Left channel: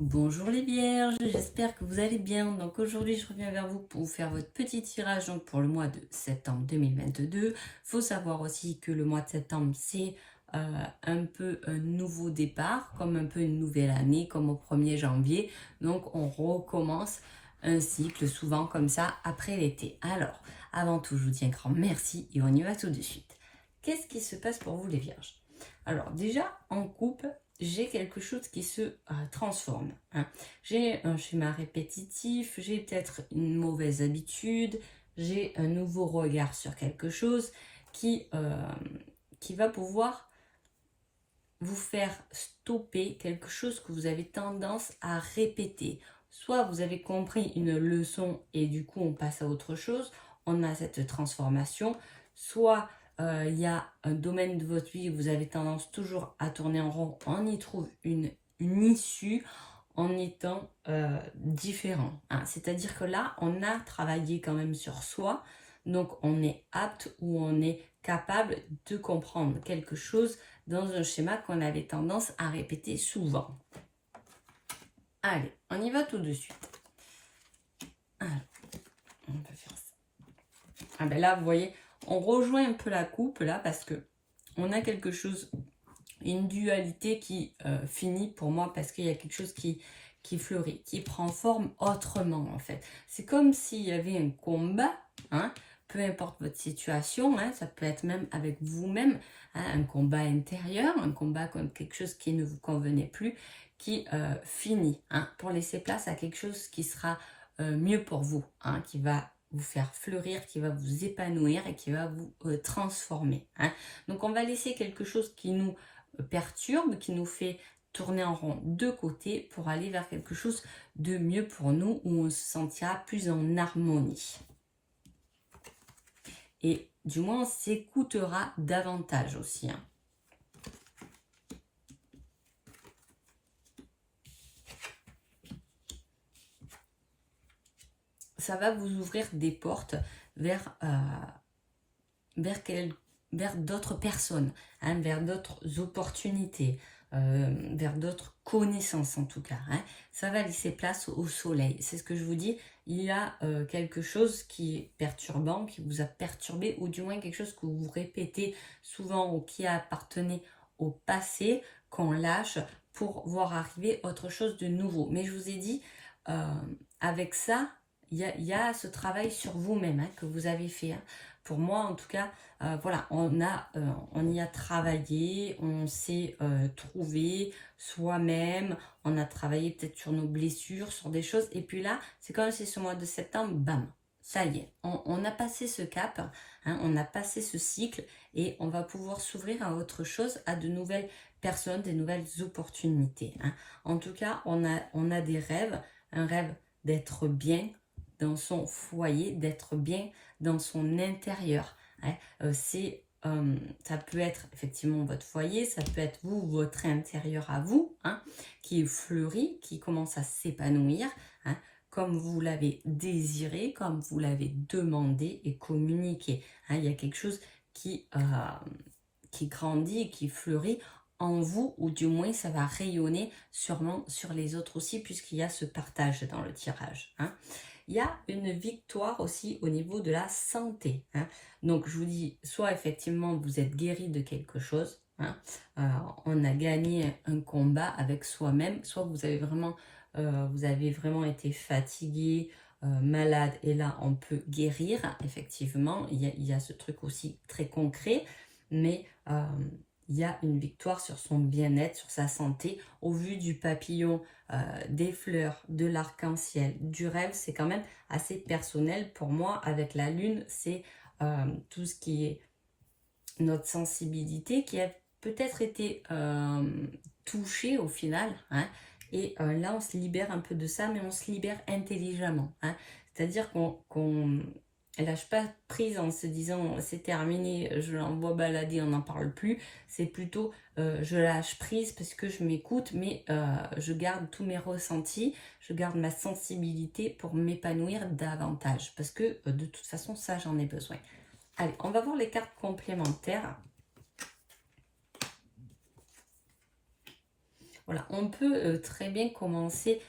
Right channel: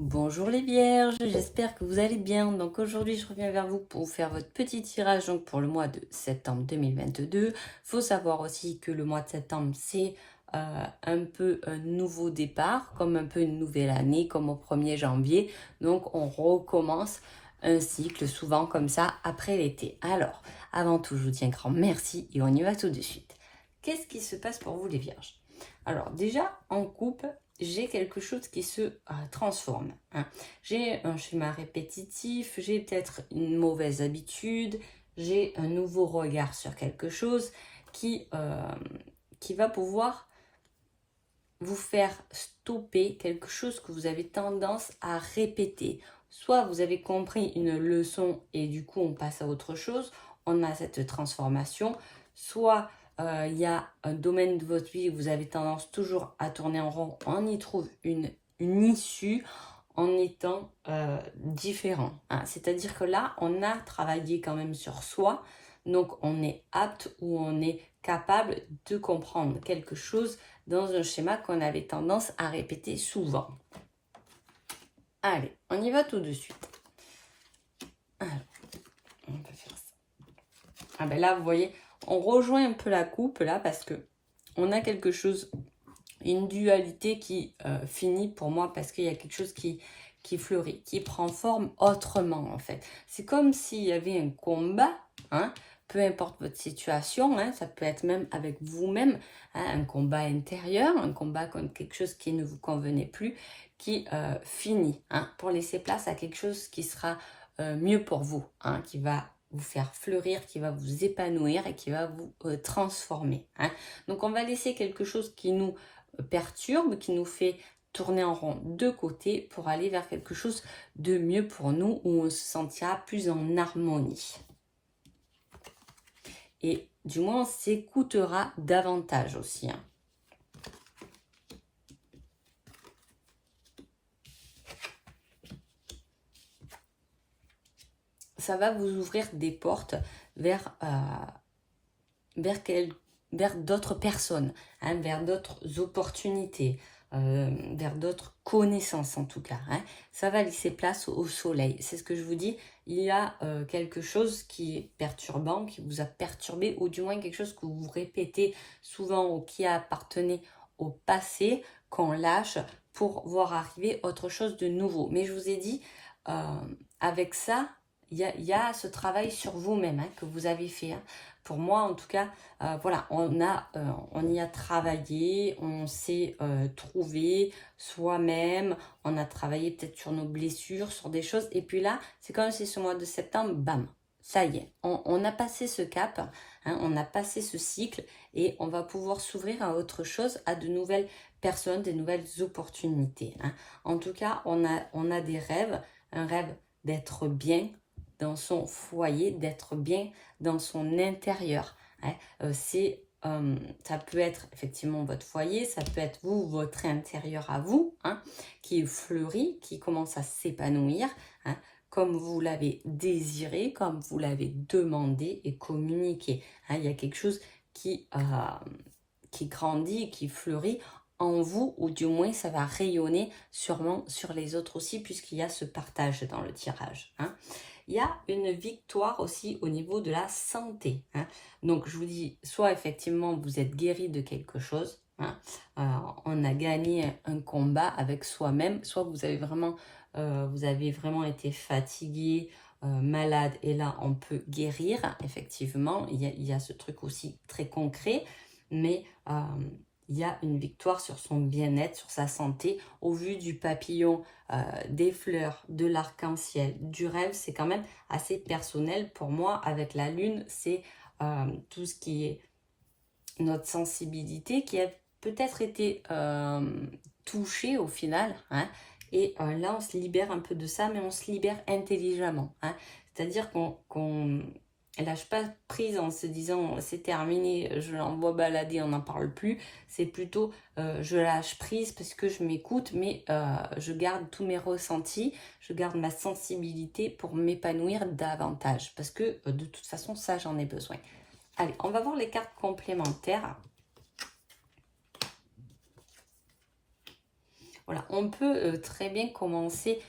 Bonjour les vierges, j'espère que vous allez bien. Donc aujourd'hui, je reviens vers vous pour vous faire votre petit tirage donc pour le mois de septembre 2022. Il faut savoir aussi que le mois de septembre, c'est un peu un nouveau départ, comme un peu une nouvelle année, comme au 1er janvier. Donc on recommence un cycle souvent comme ça après l'été. Alors, avant tout, je vous dis un grand merci et on y va tout de suite. Qu'est-ce qui se passe pour vous les vierges? Alors déjà, en couple, j'ai quelque chose qui se transforme. Hein. J'ai un schéma répétitif, j'ai peut-être une mauvaise habitude, j'ai un nouveau regard sur quelque chose qui va pouvoir vous faire stopper quelque chose que vous avez tendance à répéter. Soit vous avez compris une leçon et du coup on passe à autre chose, on a cette transformation, soit il y a un domaine de votre vie où vous avez tendance toujours à tourner en rond, on y trouve une issue en étant différent. Hein. C'est-à-dire que là, on a travaillé quand même sur soi, donc on est apte ou on est capable de comprendre quelque chose dans un schéma qu'on avait tendance à répéter souvent. Allez, on y va tout de suite. Alors, on peut faire ça. Ah ben là, vous voyez, on rejoint un peu la coupe là parce que on a quelque chose, une dualité qui finit pour moi parce qu'il y a quelque chose qui fleurit, qui prend forme autrement en fait. C'est comme s'il y avait un combat, hein, peu importe votre situation, hein, ça peut être même avec vous-même, hein, un combat intérieur, un combat contre quelque chose qui ne vous convenait plus, qui finit, hein, pour laisser place à quelque chose qui sera mieux pour vous, hein, qui va vous faire fleurir, qui va vous épanouir et qui va vous transformer. Hein. Donc on va laisser quelque chose qui nous perturbe, qui nous fait tourner en rond de côté pour aller vers quelque chose de mieux pour nous, où on se sentira plus en harmonie. Et du moins, on s'écoutera davantage aussi. Hein. Ça va vous ouvrir des portes vers, vers d'autres personnes, hein, vers d'autres opportunités, vers d'autres connaissances en tout cas. Hein. Ça va laisser place au soleil. C'est ce que je vous dis. Il y a quelque chose qui est perturbant, qui vous a perturbé, ou du moins quelque chose que vous répétez souvent ou qui appartenait au passé, qu'on lâche pour voir arriver autre chose de nouveau. Mais je vous ai dit, avec ça, il y a ce travail sur vous-même, hein, que vous avez fait. Hein. Pour moi, en tout cas, voilà, on y a travaillé, on s'est trouvé soi-même, on a travaillé peut-être sur nos blessures, sur des choses. Et puis là, c'est comme si ce mois de septembre, bam, ça y est, on a passé ce cap, hein, on a passé ce cycle et on va pouvoir s'ouvrir à autre chose, à de nouvelles personnes, des nouvelles opportunités. Hein. En tout cas, on a des rêves, un rêve d'être bien dans son foyer, d'être bien dans son intérieur. Hein. Ça peut être effectivement votre foyer, ça peut être vous, votre intérieur à vous, hein, qui fleurit, qui commence à s'épanouir, hein, comme vous l'avez désiré, comme vous l'avez demandé et communiqué. Hein. Il y a quelque chose qui grandit, qui fleurit en vous, ou du moins ça va rayonner sûrement sur les autres aussi, puisqu'il y a ce partage dans le tirage. Hein. Il y a une victoire aussi au niveau de la santé. Hein. Donc, je vous dis, soit effectivement, vous êtes guéri de quelque chose, hein, on a gagné un combat avec soi-même, soit vous avez vraiment été fatigué, malade, et là, on peut guérir, effectivement. Il y a ce truc aussi très concret, mais il y a une victoire sur son bien-être, sur sa santé, au vu du papillon, des fleurs, de l'arc-en-ciel, du rêve. C'est quand même assez personnel pour moi. Avec la lune, c'est tout ce qui est notre sensibilité qui a peut-être été touchée au final. Hein, et là, on se libère un peu de ça, mais on se libère intelligemment. Hein, c'est-à-dire qu'on lâche pas prise en se disant c'est terminé, je l'envoie balader, on n'en parle plus. C'est plutôt je lâche prise parce que je m'écoute, mais je garde tous mes ressentis, je garde ma sensibilité pour m'épanouir davantage. Parce que de toute façon, ça, j'en ai besoin. Allez, on va voir les cartes complémentaires. Voilà, on peut très bien commencer,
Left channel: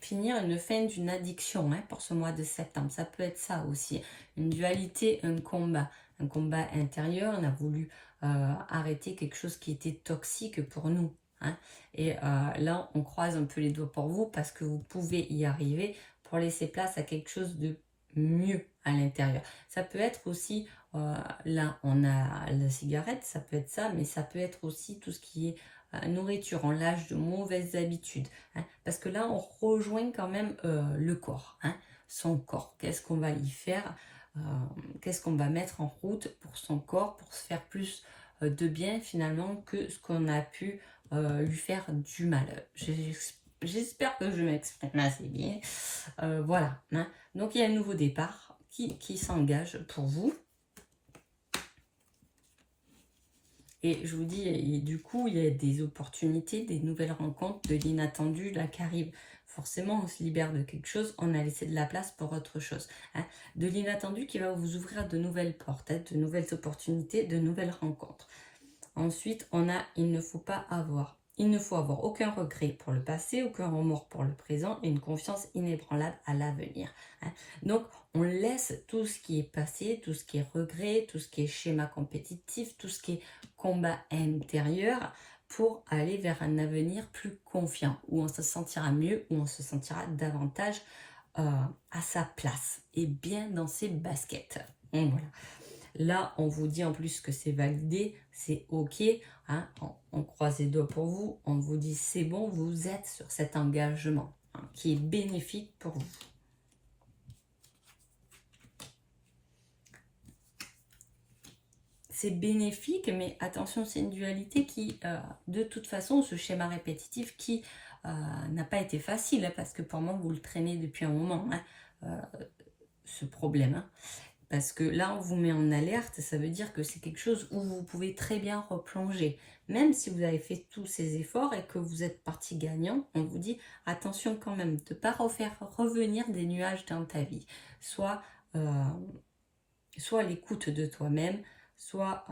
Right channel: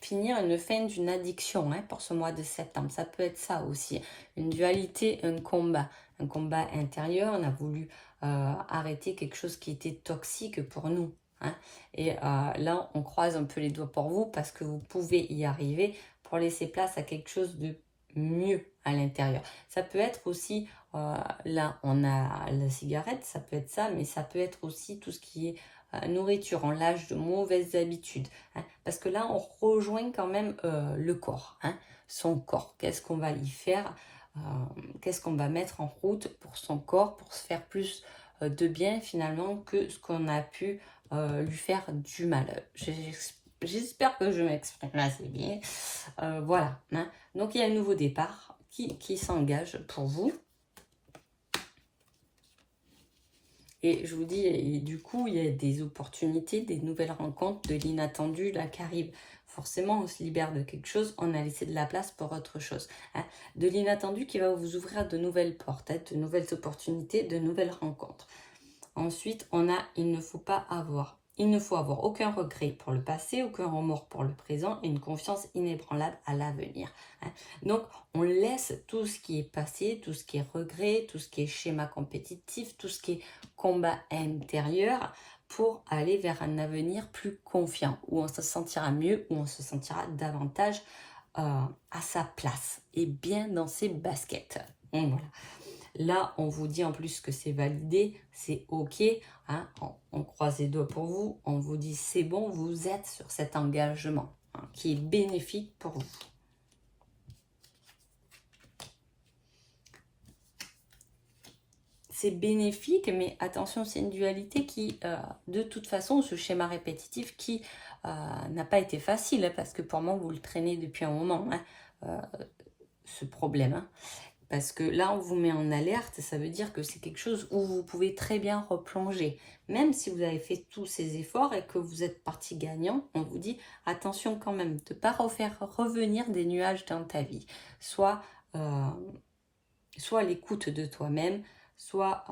finir une fin d'une addiction hein, pour ce mois de septembre. Ça peut être ça aussi, une dualité, un combat intérieur. On a voulu arrêter quelque chose qui était toxique pour nous. Hein. Et là, on croise un peu les doigts pour vous parce que vous pouvez y arriver pour laisser place à quelque chose de mieux à l'intérieur. Ça peut être aussi, là, on a la cigarette, ça peut être ça, mais ça peut être aussi tout ce qui est nourriture, on lâche de mauvaises habitudes. Hein, parce que là, on rejoint quand même le corps, hein, son corps. Qu'est-ce qu'on va y faire qu'est-ce qu'on va mettre en route pour son corps, pour se faire plus de bien finalement que ce qu'on a pu lui faire du mal. J'espère que je m'exprime assez bien. Voilà. Hein. Donc, il y a un nouveau départ qui s'engage pour vous. Et je vous dis, et du coup, il y a des opportunités, des nouvelles rencontres, de l'inattendu là qui arrive. Forcément, on se libère de quelque chose, on a laissé de la place pour autre chose. Hein. De l'inattendu qui va vous ouvrir de nouvelles portes, hein, de nouvelles opportunités, de nouvelles rencontres. Ensuite, on a il ne faut avoir aucun regret pour le passé, aucun remords pour le présent et une confiance inébranlable à l'avenir. Hein. Donc, on laisse tout ce qui est passé, tout ce qui est regret, tout ce qui est schéma compétitif, tout ce qui est combat intérieur pour aller vers un avenir plus confiant, où on se sentira mieux, où on se sentira davantage à sa place et bien dans ses baskets. Donc, voilà. Là, on vous dit en plus que c'est validé, c'est OK. Hein, on croise les doigts pour vous. On vous dit c'est bon, vous êtes sur cet engagement hein, qui est bénéfique pour vous. C'est bénéfique, mais attention, c'est une dualité qui, de toute façon, ce schéma répétitif qui n'a pas été facile, hein, parce que pour moi, vous le traînez depuis un moment, hein, ce problème. Hein. Parce que là, on vous met en alerte, ça veut dire que c'est quelque chose où vous pouvez très bien replonger. Même si vous avez fait tous ces efforts et que vous êtes parti gagnant, on vous dit attention quand même de ne pas refaire revenir des nuages dans ta vie. Soit l'écoute de toi-même, soit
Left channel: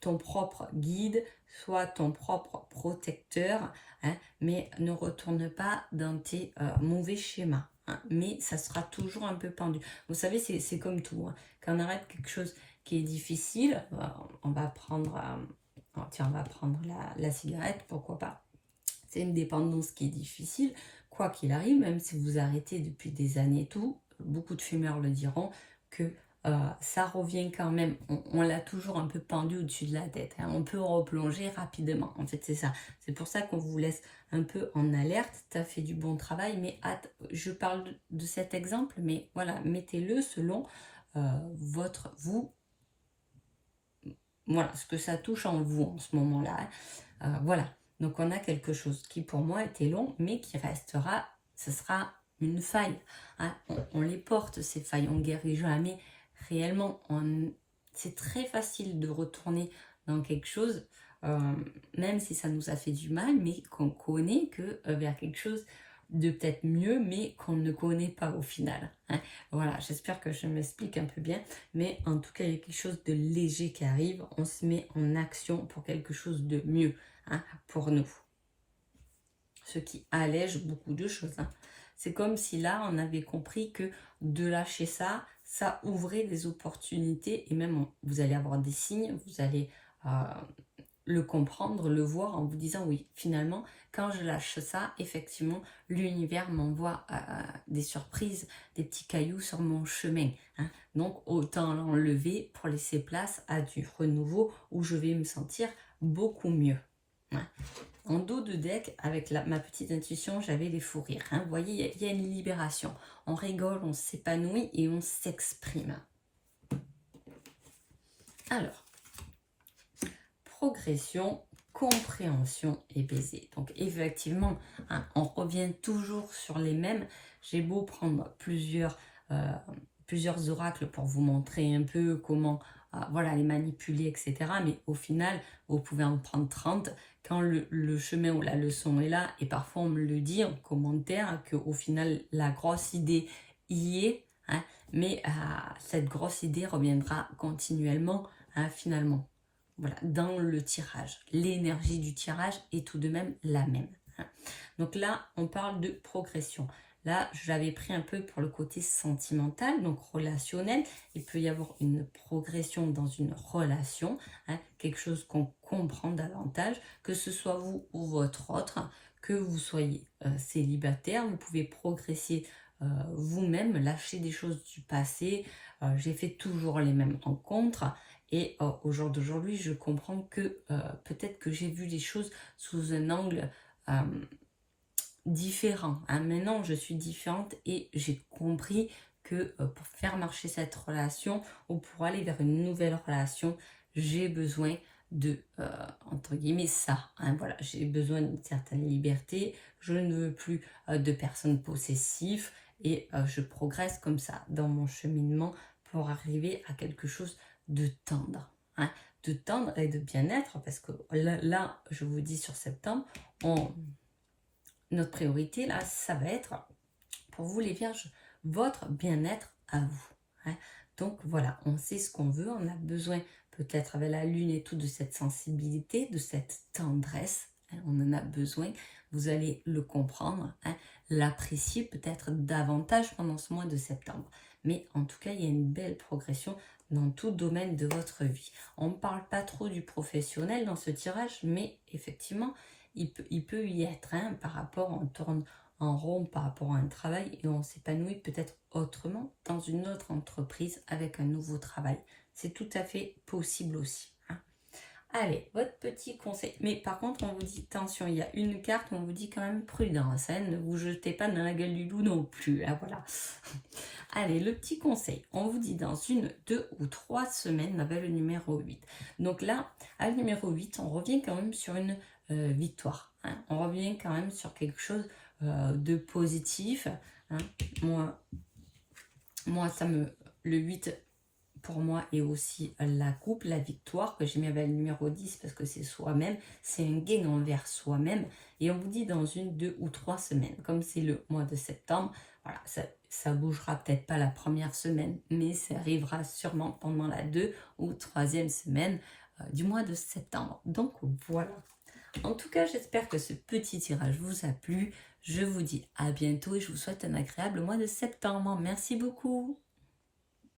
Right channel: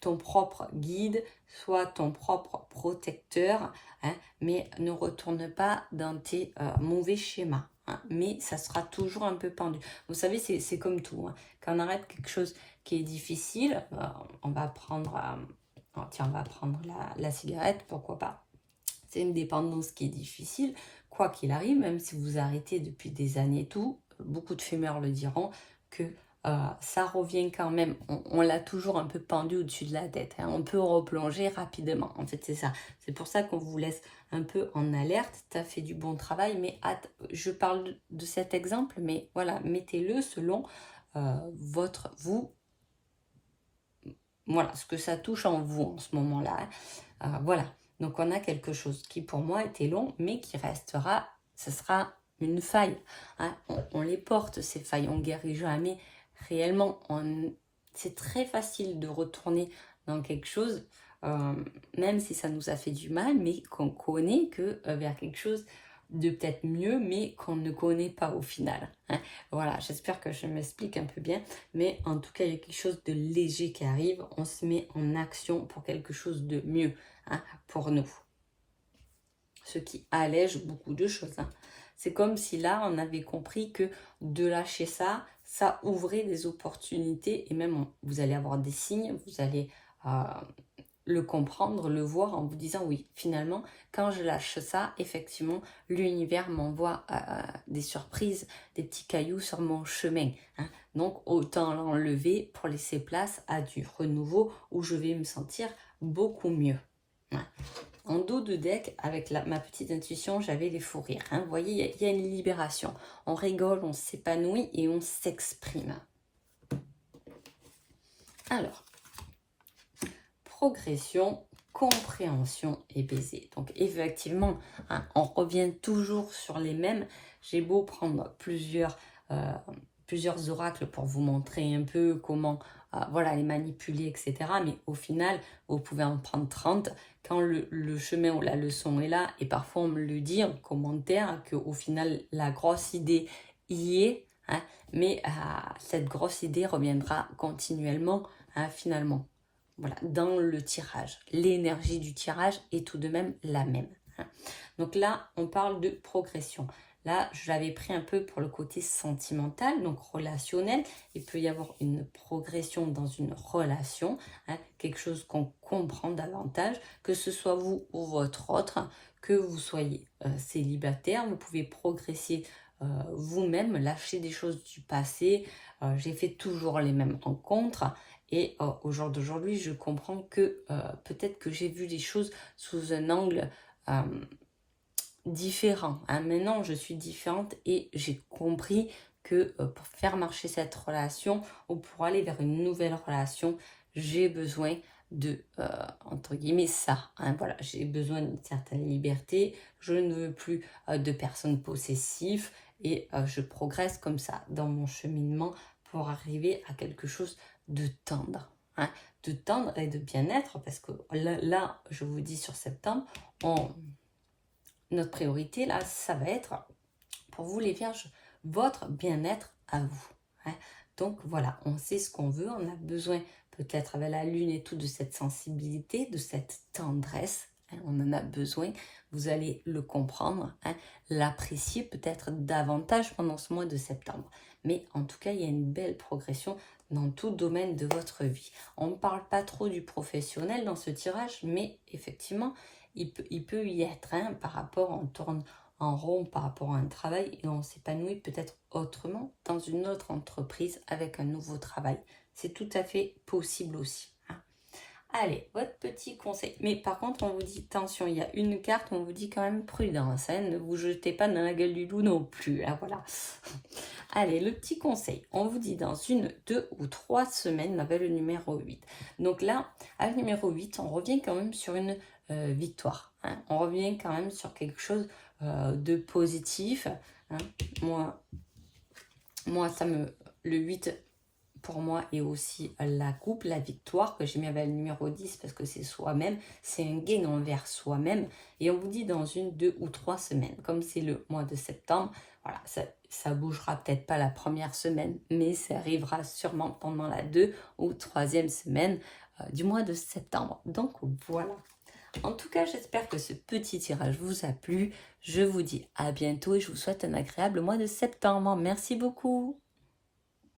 ton propre guide, soit ton propre protecteur, hein, mais ne retourne pas dans tes mauvais schémas. Hein, mais ça sera toujours un peu pendu. Vous savez, c'est comme tout. Hein. Quand on arrête quelque chose qui est difficile, on va prendre, tiens, on va prendre la cigarette, pourquoi pas. C'est une dépendance qui est difficile, quoi qu'il arrive, même si vous arrêtez depuis des années et tout, beaucoup de fumeurs le diront, que ça revient quand même, on l'a toujours un peu pendu au-dessus de la tête, hein. On peut replonger rapidement, en fait c'est ça. C'est pour ça qu'on vous laisse un peu en alerte, tu as fait du bon travail, mais je parle de cet exemple, mais voilà, mettez-le selon voilà, ce que ça touche en vous en ce moment-là. Hein. Voilà. Donc, on a quelque chose qui, pour moi, était long, mais qui restera, ce sera une faille. Hein. On les porte, ces failles. On ne guérit jamais réellement. C'est très facile de retourner dans quelque chose, même si ça nous a fait du mal, mais qu'on connaît que vers quelque chose de peut-être mieux, mais qu'on ne connaît pas au final. Hein. Voilà, j'espère que je m'explique un peu bien, mais en tout cas, il y a quelque chose de léger qui arrive. On se met en action pour quelque chose de mieux. Hein, pour nous. Ce qui allège beaucoup de choses. Hein. C'est comme si là, on avait compris que de lâcher ça, ça ouvrait des opportunités et même vous allez avoir des signes, vous allez le comprendre, le voir en vous disant oui, finalement, quand je lâche ça, effectivement, l'univers m'envoie des surprises, des petits cailloux sur mon chemin. Hein. Donc, autant l'enlever pour laisser place à du renouveau où je vais me sentir beaucoup mieux. Hein. En dos de deck, avec ma petite intuition, j'avais les fous rires. Hein. Vous voyez, il y a une libération. On rigole, on s'épanouit et on s'exprime. Alors, progression, compréhension et baiser. Donc, effectivement, hein, on revient toujours sur les mêmes. J'ai beau prendre plusieurs oracles pour vous montrer un peu comment voilà, les manipuler, etc. Mais au final, vous pouvez en prendre 30 quand le chemin ou la leçon est là. Et parfois, on me le dit en commentaire qu'au final, la grosse idée y est. Hein, mais cette grosse idée reviendra continuellement, hein, finalement. voilà, dans le tirage. L'énergie du tirage est tout de même la même. Hein. Donc là, on parle de progression. Là, je l'avais pris un peu pour le côté sentimental, donc relationnel. Il peut y avoir une progression dans une relation, hein, quelque chose qu'on comprend davantage, que ce soit vous ou votre autre, que vous soyez célibataire, vous pouvez progresser vous-même, lâcher des choses du passé. J'ai fait toujours les mêmes rencontres et au jour d'aujourd'hui, je comprends que peut-être que j'ai vu les choses sous un angle différent. Hein. Maintenant, je suis différente et j'ai compris que pour faire marcher cette relation ou pour aller vers une nouvelle relation, j'ai besoin de, entre guillemets, ça. Hein. Voilà, j'ai besoin d'une certaine liberté. Je ne veux plus de personnes possessives et je progresse comme ça dans mon cheminement pour arriver à quelque chose de tendre. Hein. De tendre et de bien-être parce que là, je vous dis sur septembre, notre priorité, là, ça va être, pour vous les vierges, votre bien-être à vous. Hein. Donc voilà, on sait ce qu'on veut, on a besoin peut-être avec la lune et tout de cette sensibilité, de cette tendresse. Hein, on en a besoin, vous allez le comprendre, hein, l'apprécier peut-être davantage pendant ce mois de septembre. Mais en tout cas, il y a une belle progression dans tout domaine de votre vie. On ne parle pas trop du professionnel dans ce tirage, mais effectivement, il peut y être, hein, par rapport, on tourne en rond par rapport à un travail et on s'épanouit peut-être autrement dans une autre entreprise avec un nouveau travail. C'est tout à fait possible aussi. Hein. Allez, votre petit conseil. Mais par contre, on vous dit, attention, il y a une carte où on vous dit quand même prudence. Hein, ne vous jetez pas dans la gueule du loup non plus. Hein, voilà. Allez, le petit conseil. On vous dit dans 1, 2 ou 3 semaines, la belle numéro 8. Donc là, à numéro 8, on revient quand même sur une victoire. Hein. On revient quand même sur quelque chose de positif. Hein. Moi, le 8, pour moi, est aussi la coupe, la victoire, que j'ai mis avec le numéro 10 parce que c'est soi-même. C'est un gain envers soi-même. Et on vous dit dans 1, 2 ou 3 semaines. Comme c'est le mois de septembre, voilà, ça bougera peut-être pas la première semaine, mais ça arrivera sûrement pendant la 2 ou 3e semaine du mois de septembre. Donc voilà. En tout cas, j'espère que ce petit tirage vous a plu. Je vous dis à bientôt et je vous souhaite un agréable mois de septembre. Merci beaucoup.